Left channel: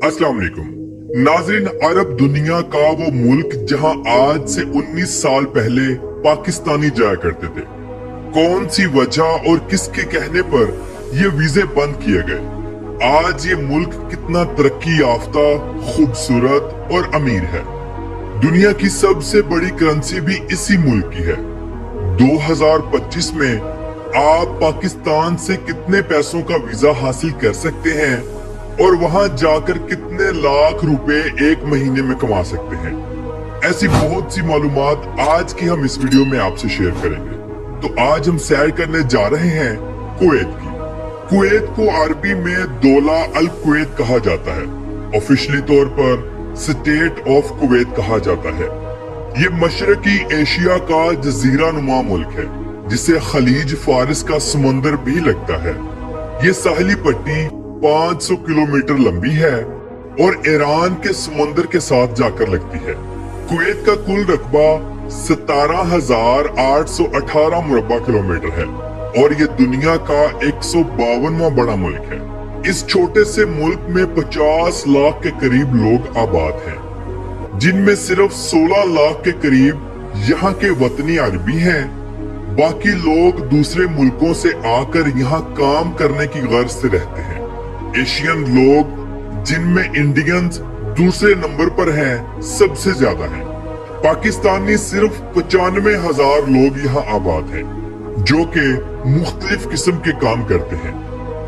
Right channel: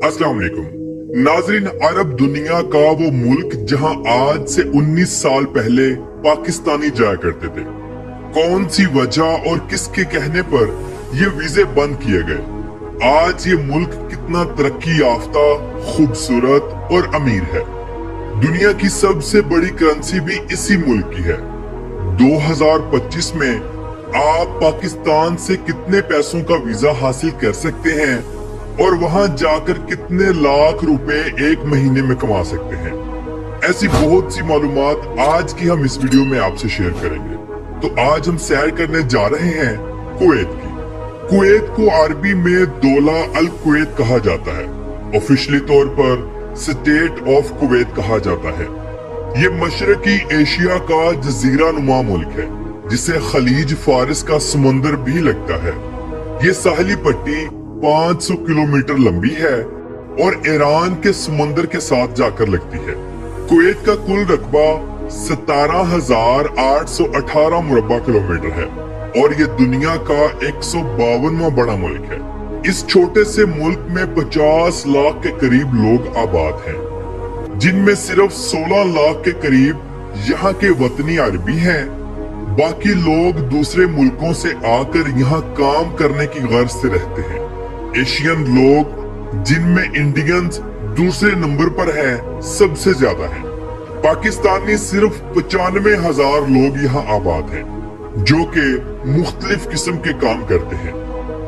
अस्सलाम वालेकुम नाजरीन। अरब दुनिया का वो मुल्क जहां आज से 19 साल पहले पाकिस्तानी जाया करते थे। कौन सी वजह और किसके कहने पर ये वीजे बंद किए गए। आज ये मुल्क कितना तरक्की याफ्ता, खूबसूरत और अमीर है। दुनिया की सबसे बड़ी करेंसी भी इसी मुल्क की है। 2025 में आप पाकिस्तान से कितने पैसों का वीजा हासिल कर सकते हैं और वहां जाकर कितने लाख रुपए एक महीने में कमा सकते हैं। ऐसी बहुत सी मालूमात आज की हम इस वीडियो में आपसे शेयर करेंगे। तो आज हम सैर करने जा रहे हैं कुवैत की। कुवैत को अरबी में दौला अल कुवैत कहा जाता है। ऑफिशियली तौर पर स्टेट ऑफ कुवैत कहा जाता है। ये मशरकी एशिया का जजीरा नुमा मुल्क है जिसे खलीज फारिस का समुंदर भी लगता है। ये साहली पट्टी 500 किलोमीटर लंबी है और ईरान के समुंदर के साथ जाकर लगती है। कुवैत का कुल रकबा 17,818 मुरब्बा किलोमीटर है और ये दुनिया का 152वां बड़ा मुल्क है। इस छोटे से मुल्क में 50 लाख के करीब लोग आबाद हैं, जिनमें सिर्फ 16 लाख के करीब यहाँ के वतनी अरबी हैं। बाकी लोग दूसरे मुल्कों से आकर यहाँ काम करने की गर्ज से रहते हैं। एशियन लोग, जिनमें इंडियंस दूसरे नंबर पर हैं, सबसे ज्यादा हैं। पाकिस्तानी सिर्फ 95,000 लोग यहाँ आबाद हैं, जो कि मुख्तलिफ किस्म के काम करते हैं।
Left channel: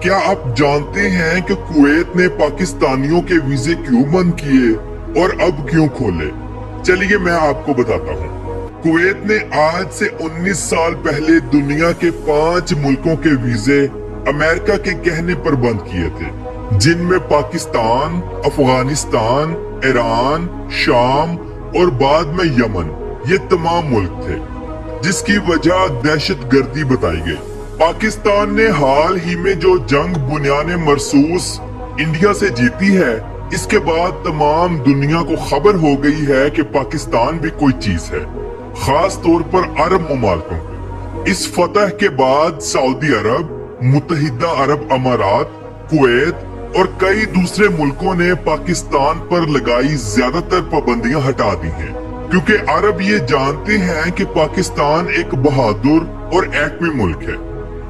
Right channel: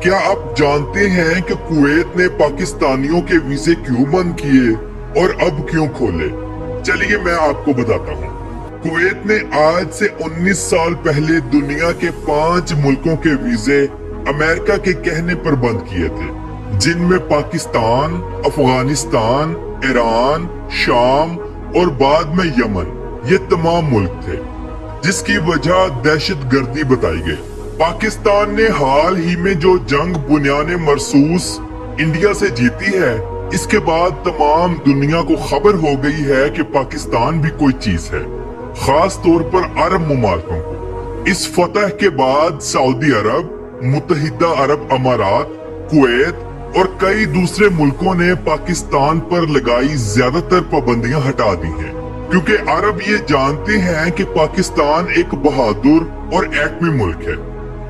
क्या आप जानते हैं कि कुवैत ने पाकिस्तानियों के वीजे क्यों बंद किए और अब क्यों खोले? चलिए मैं आपको बताता हूँ। कुवैत ने आज से 19 साल पहले दुनिया के 5 मुल्कों के वीजे अमेरिका के कहने पर बंद किए थे, जिनमें पाकिस्तान, अफगानिस्तान, ईरान, शाम और बाद में यमन, ये तमाम मुल्क थे, जिसकी वजह दहशतगर्दी बताई गई। पाकिस्तान ने हाल ही में जो जंग बुनियाने मरसूस इंडिया से जीती है, इसके बाद तमाम दुनिया को खबर हो गई है कि पाकिस्तान भी कोई चीज है, खास तौर पर अरब मुमालिकों को। इस फतह के बाद सऊदी अरब, मुत्तहिदा अरब अमारात, कुवैत और कई दूसरे मुल्कों ने पाकिस्तान पर लगाई ज्यादातर पाबंदियां हटा दी हैं, क्योंकि अरब ये जानते हैं कि पाकिस्तान एक बहादुर और एटमी मुल्क है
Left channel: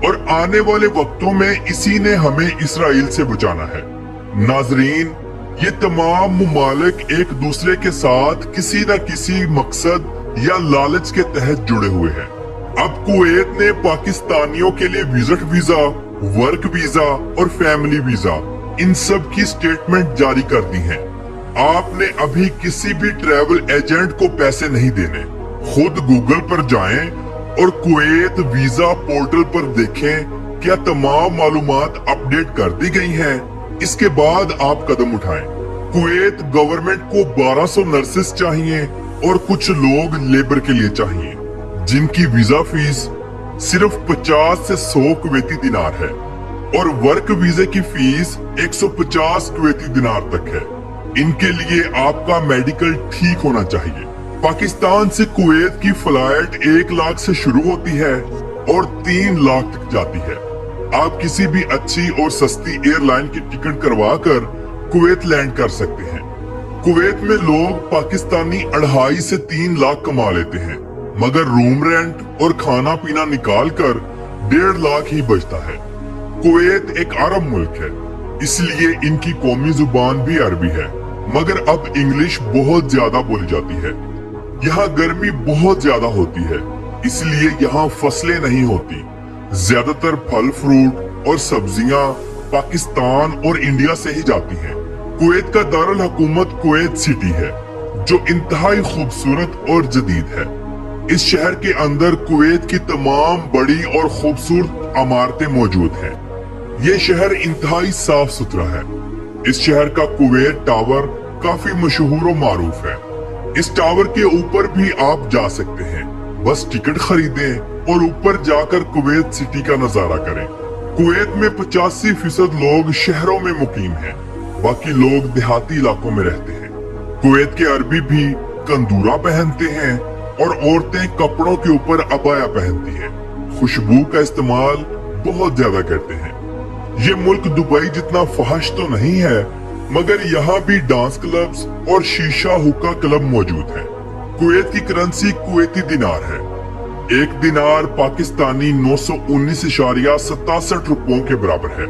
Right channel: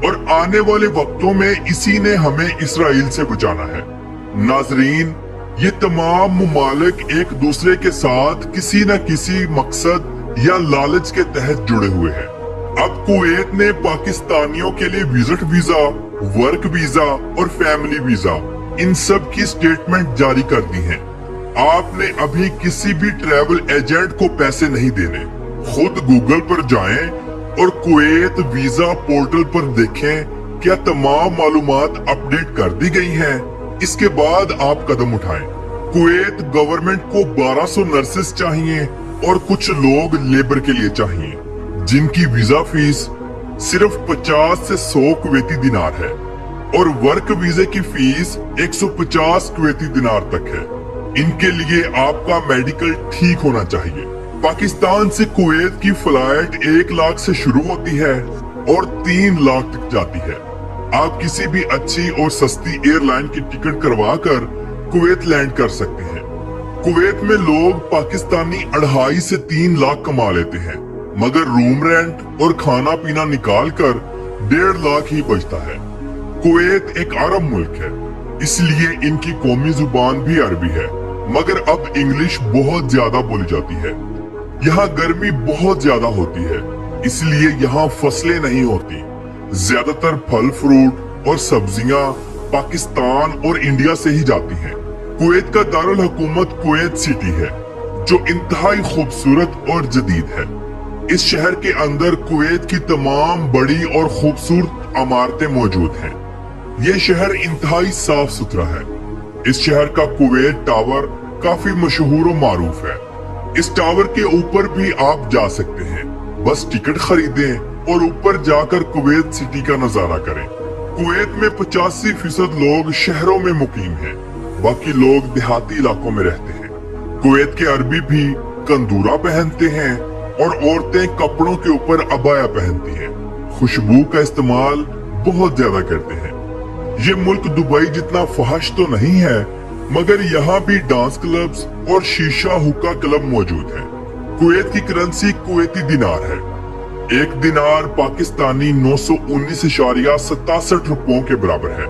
और आने वाले वक्तों में इसी ने हमें इसराइल से बचाना है। नाजरीन, ये तमाम मुमालिक एक दूसरे के साथ किसी न किसी मकसद या लालच के तहत जुड़े हुए हैं। अब कुवैत ने पाकिस्तानियों के लिए विजिट वीजा, वर्क वीजा और फैमिली वीजा, इन सब की स्टेटमेंट जारी कर दी है। आपने अभी किसी भी ट्रैवल एजेंट को पैसे नहीं देने। खुद गूगल पर जाएं और कुवैत वीजा पोर्टल पर देखें क्या तमाम मालूमात अपडेट कर दी गई हैं। इसके बाद आप कदम उठाएं। कुवैत गवर्नमेंट को 1200 नर्सेस चाहिए और कुछ लोग लेबर के लिए चाहिए, जिनकी वीजा फीस सिर्फ 50 से 100 कुवैती दिनार है और वर्क वीजे की फीस 150 कुवैती दिनार तक है। इनके लिए आपका मेडिकल ठीक होना चाहिए। पाकिस्तान से कुवैत की फ्लाइट 1 लाख से शुरू होती है और 3 लाख तक जाती है। आप किसी भी अच्छी और सस्ती एयरलाइन की टिकट करवा कर कुवैत लैंड कर सकते हैं। कुवैत में लोग पाकिस्तानी 2.5 से 3 लाख कमा लेते हैं, मगर रूम रेंट और खाना पीना निकाल कर 1.5 लाख ही बचता है। कुवैत एक अरब मुल्क है, इसलिए इनकी कौमी जुबान भी अरबी है, मगर अब इंग्लिश बहुत ज्यादा बोली जाती है। यहाँ गर्मी बहुत ज्यादा होती है, इसलिए यहाँ फसलें नहीं होती। ज्यादातर फल फ्रूट और सब्जियां पाकिस्तान और इंडिया से ही जाती हैं। कुवैत का दारुल हुकूमत कुवैत सिटी है, जो इंतहाई खूबसूरत और जदीद है। इस शहर के अंदर कुवैत की तमाम बड़ी और खूबसूरत इमारतें मौजूद हैं। ये शहर इंतहाई साफ सुथरा है। इस शहर का कुवैत टावर काफी मशहूर और मारूफ है। इस टावर के ऊपर भी आप जा सकते हैं, बस टिकट खरीदें और ऊपर जाकर कुवैत सिटी का नजारा करें। कुवैत में 85% लोग शहरों में मुकीम हैं, बाकी लोग देहाती इलाकों में रहते हैं। कुवैत के अरबी भी कंदूरा पहनते हैं और औरतें कपड़ों के ऊपर अबाया पहनती हैं। खुशबू का इस्तेमाल बहुत ज्यादा करते हैं। ये मुल्क दुबई जितना फहश तो नहीं है, मगर यहाँ भी डांस क्लब्स और शीशा हुक्का क्लब मौजूद है। कुवैत की करेंसी कुवैती दिनार है। एक दिनार पाकिस्तानी 919.67 रुपयों के बराबर है।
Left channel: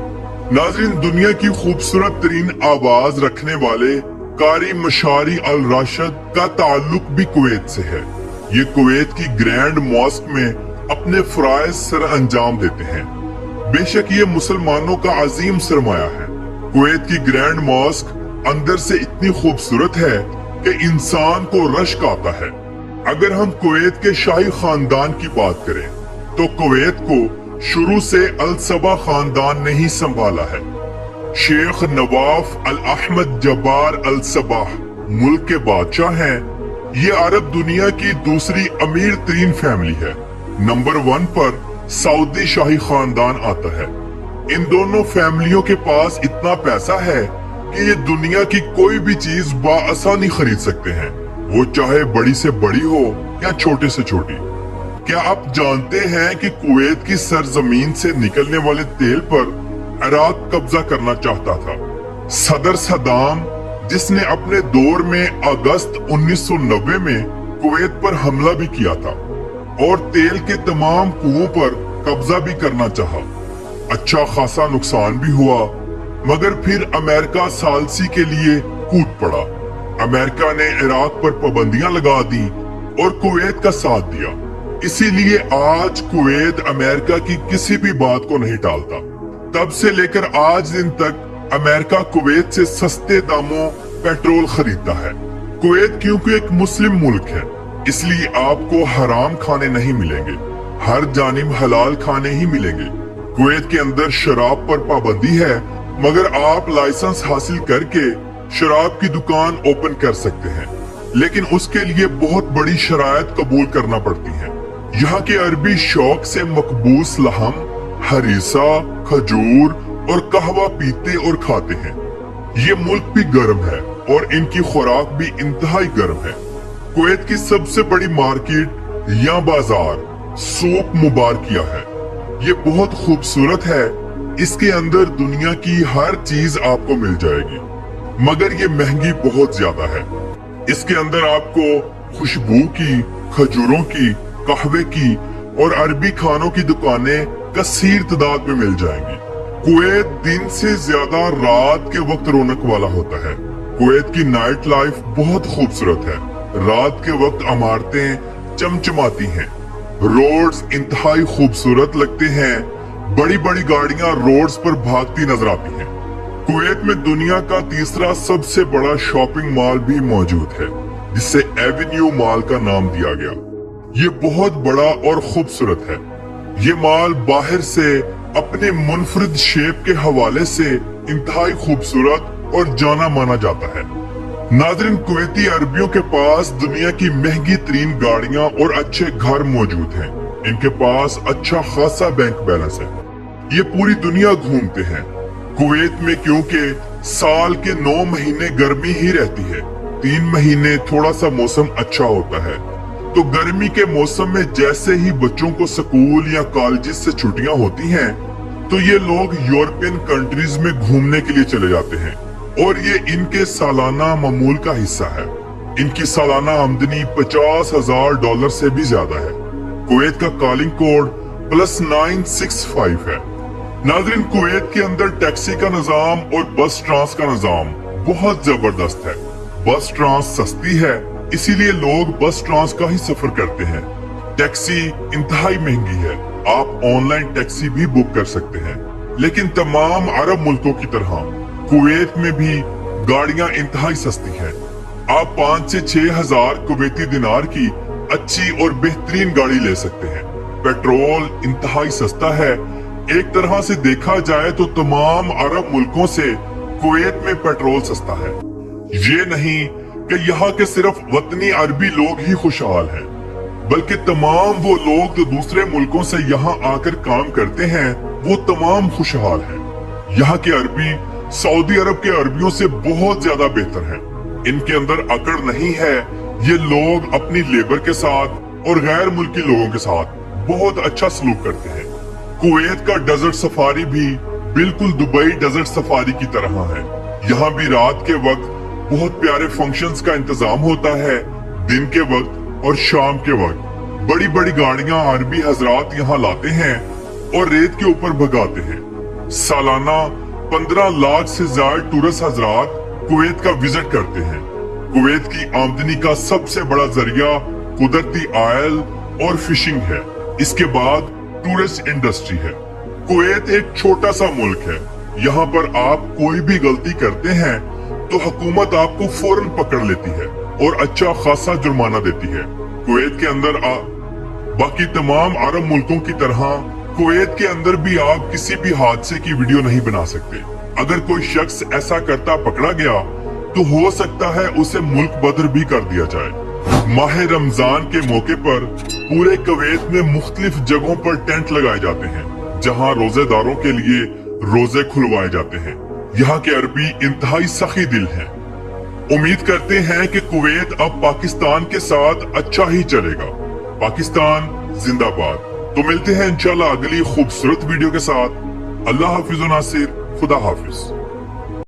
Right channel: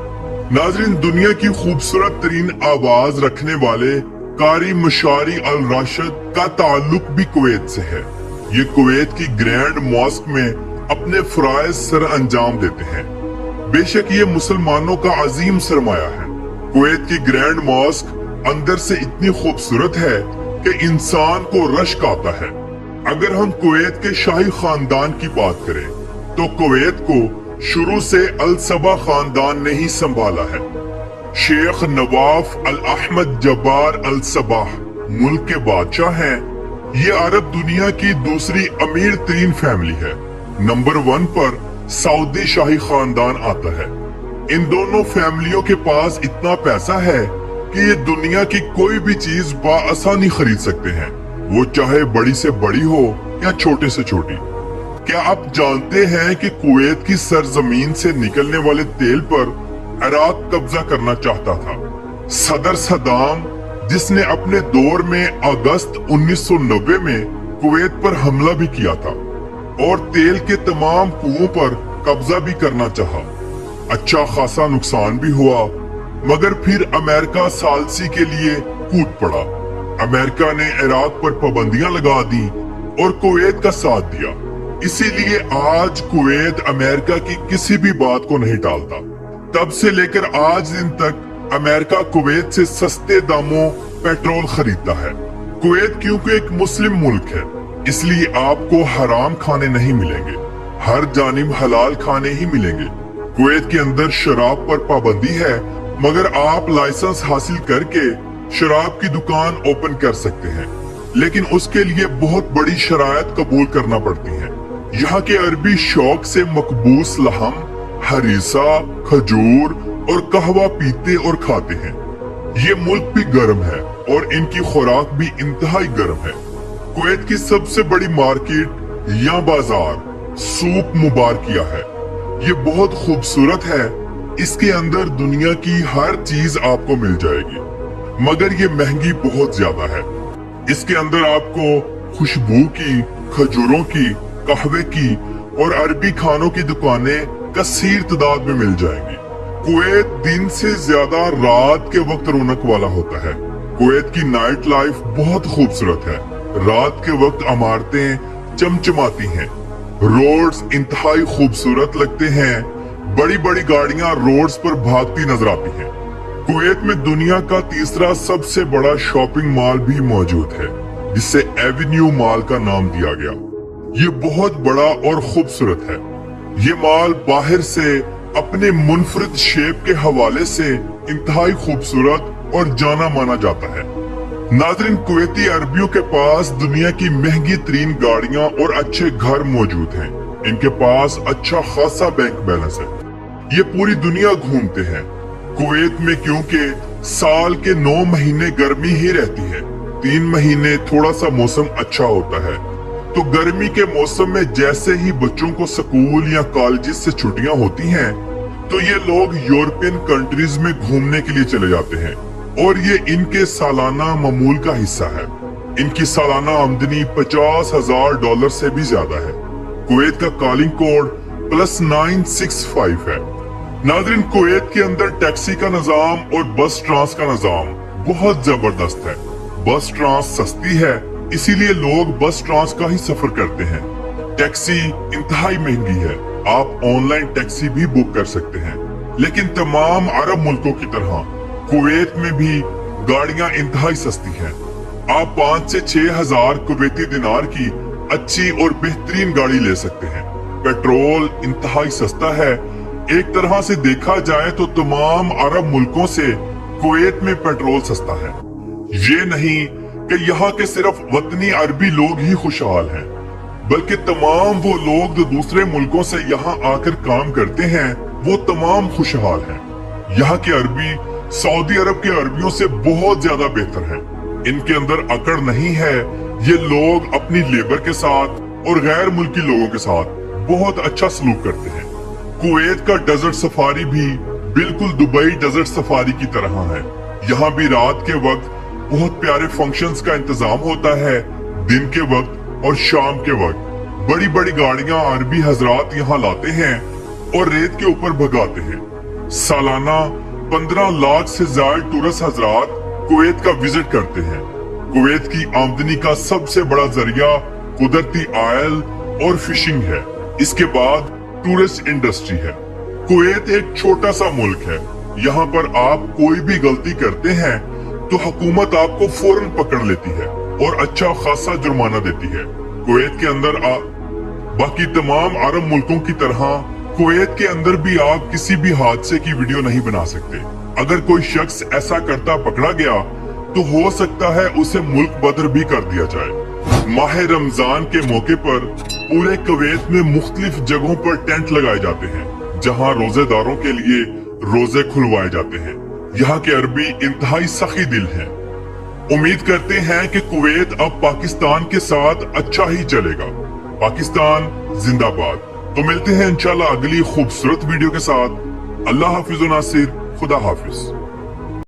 नाज़रीन, दुनिया की खूबसूरत तरीन आवाज रखने वाले कारी मशारी अल राशिद का ताल्लुक भी कुवैत से है। ये कुवैत की ग्रैंड मॉस्क में अपने फराइज सर अंजाम देते हैं। बेशक ये मुसलमानों का अजीम सरमाया है। कुवैत की ग्रैंड मॉस्क अंदर से इतनी खूबसूरत है कि इंसान को रश्क आता है। अगर हम कुवैत के शाही खानदान की बात करें तो कुवैत को शुरू से अल सबा खानदान ने ही संभाला है। शेख नवाफ अल अहमद जब्बार अल सबाह मुल्क के बादशाह हैं। ये अरब दुनिया की दूसरी अमीर तरीन फैमिली है। नंबर 1 पर सऊदी शाही खानदान आता है। इन दोनों फैमिलियों के पास इतना पैसा है कि ये दुनिया की कोई भी चीज बाआसानी खरीद सकते हैं, वो चाहे बड़ी से बड़ी हो या छोटे से छोटी। क्या आप जानते हैं कि कुवैत की सरजमीन से निकलने वाले तेल पर इराक कब्जा करना चाहता था। सदर सदाम, जिसने अपने दौर में अगस्त 1990 में कुवैत पर हमला भी किया था और तेल के तमाम कुओं पर कब्जा भी करना चाहा। अच्छा खासा नुकसान भी हुआ, मगर फिर अमेरिका सालसी के लिए कूद पड़ा। अमेरिका ने इराक पर पाबंदियां लगा दी और कुवैत का साथ दिया। इसीलिए आज कुवैत अमेरिका की किसी भी बात को नहीं टालता। तब से लेकर आज दिन तक अमेरिका कुवैत से सस्ते दामों पेट्रोल खरीदता है। कुवैत क्योंकि एक मुस्लिम मुल्क है, इसलिए आपको हराम खाने नहीं मिलेंगे, हर जानिब हलाल खाने ही मिलेंगे। कुवैत के अंदर शराब पर पाबंदी है, मगर आप लाइसेंस हासिल करके शराब की दुकान ओपन कर सकते हैं, लेकिन उसके लिए बहुत बड़ी शराइत कबूल करना पड़ती है। यहाँ के अरबी शौक से मकबूस लहम, हरीसा, खजूर और कहवा पीते और खाते हैं। ये मुल्क भी गर्म है और इनकी खुराक भी इंतहाई गर्म है। कुवैत की सबसे बड़ी मार्केट या बाजार सूक मुबारकिया है। ये बहुत खूबसूरत है। इसके अंदर दुनिया की हर चीज आपको मिल जाएगी, मगर ये महंगी बहुत ज्यादा है। इसके अंदर आपको खुशबू की, खजूरों की, कहवे की और अरबी खानों की दुकानें कसीर तादाद में मिल जाएंगी। कुवैत दिन से ज्यादा रात के वक्त रौनक वाला होता है। कुवैत की नाइट लाइफ बहुत खूबसूरत है। रात के वक्त इमारतें चमचमाती हैं, रोड्स इंतहाई खूबसूरत लगते हैं, बड़ी बड़ी गाड़ियां रोड्स पर भागती नजर आती हैं। कुवैत में दुनिया का तीसरा सबसे बड़ा शॉपिंग मॉल भी मौजूद है, जिसे एवेन्यू मॉल का नाम दिया गया। ये बहुत बड़ा और खूबसूरत है। ये मॉल बाहर से अपने मुनफरिद शेप के हवाले से इंतहाई खूबसूरत और जाना माना जाता है। नाज़रीन, कुवैती अरबियों के पास दुनिया की महंगी तरीन गाड़ियां और अच्छे घर मौजूद हैं। इनके पास अच्छा खासा बैंक बैलेंस है। ये पूरी दुनिया घूमते हैं। कुवैत में क्योंकि साल के 9 महीने गर्मी ही रहती है, 3 महीने थोड़ा सा मौसम अच्छा होता है, तो गर्मी के मौसम में जैसे ही बच्चों को स्कूल या कॉलेज से छुट्टियां होती हैं, तो ये लोग यूरोपियन कंट्रीज में घूमने के लिए चले जाते हैं और ये इनके सालाना मामूल का हिस्सा है। इनकी सालाना आमदनी $50,000 से भी ज्यादा है। कुवैत का कॉलिंग कोड +965 है। नाज़रीन, कुवैत के अंदर टैक्सी का निजाम और बस ट्रांस का निजाम बहुत जबरदस्त है। बस ट्रांस सस्ती है, इसीलिए लोग बस ट्रांस का ही सफर करते हैं। टैक्सी इंतहाई महंगी है। आप ऑनलाइन टैक्सी भी बुक कर सकते हैं, लेकिन तमाम अरब मुल्कों की तरह कुवैत में भी गाड़ियां इंतहाई सस्ती हैं। आप 5 से 6 हजार कुवैती दिनार की अच्छी और बेहतरीन गाड़ी ले सकते हैं। पेट्रोल इंतहाई सस्ता है। एक तरह से देखा जाए तो तमाम अरब मुल्कों से कुवैत में पेट्रोल सस्ता है। ये नहीं कि यहाँ के सिर्फ वतनी अरबी लोग ही खुशहाल हैं, बल्कि तमाम वो लोग जो दूसरे मुल्कों से यहाँ आकर काम करते हैं, वो तमाम खुशहाल हैं। यहाँ के अरबी सऊदी अरब के अरबियों से बहुत ज्यादा बेहतर हैं। इनके अंदर अकड़ नहीं है। ये लोग अपनी लेबर के साथ और गैर मुल्की लोगों के साथ बहुत अच्छा सलूक करते हैं। कुवैत का डेजर्ट सफारी भी बिल्कुल दुबई डेजर्ट सफारी की तरह है। यहाँ भी रात के वक्त बहुत प्यारे फंक्शंस का इंतजाम होता है। दिन के वक्त और शाम के वक्त बड़ी बड़ी गाड़ियां अरबी हजरात यहाँ लाते हैं और रेत के ऊपर भगाते हैं। सालाना 15 लाख से ज्यादा टूरिस्ट हजरात कुवैत का विजिट करते हैं। कुवैत की आमदनी का सबसे बड़ा जरिया कुदरती ऑयल और फिशिंग है। इसके बाद टूरिस्ट इंडस्ट्री है। कुवैत एक छोटा सा मुल्क है। यहाँ पर आप कोई भी गलती करते हैं तो हुकूमत आपको फौरन पकड़ लेती है और अच्छा खासा जुर्माना देती है। कुवैत के अंदर बाकी तमाम अरब मुल्कों की तरह कुवैत के अंदर भी आप किसी भी हादसे की वीडियो नहीं बना सकते। अगर कोई शख्स ऐसा करता पकड़ा गया तो हो सकता है उसे मुल्क बदर भी कर दिया जाए। माह रमजान के मौके पर पूरे कुवैत में मुख्तलिफ जगहों पर टेंट लगाए जाते हैं जहां रोजेदारों के लिए रोजे खुलवाए जाते हैं। यहाँ के अरबी इंतहाई सखी दिल हैं। उम्मीद करते हैं कि कुवैत अब पाकिस्तान के साथ अच्छा ही चलेगा। पाकिस्तान जिंदाबाद। तो मिलते हैं इंशाल्लाह अगली खूबसूरत वीडियो के साथ। अल्लाह हाफिज व नासिर। खुदा हाफिज।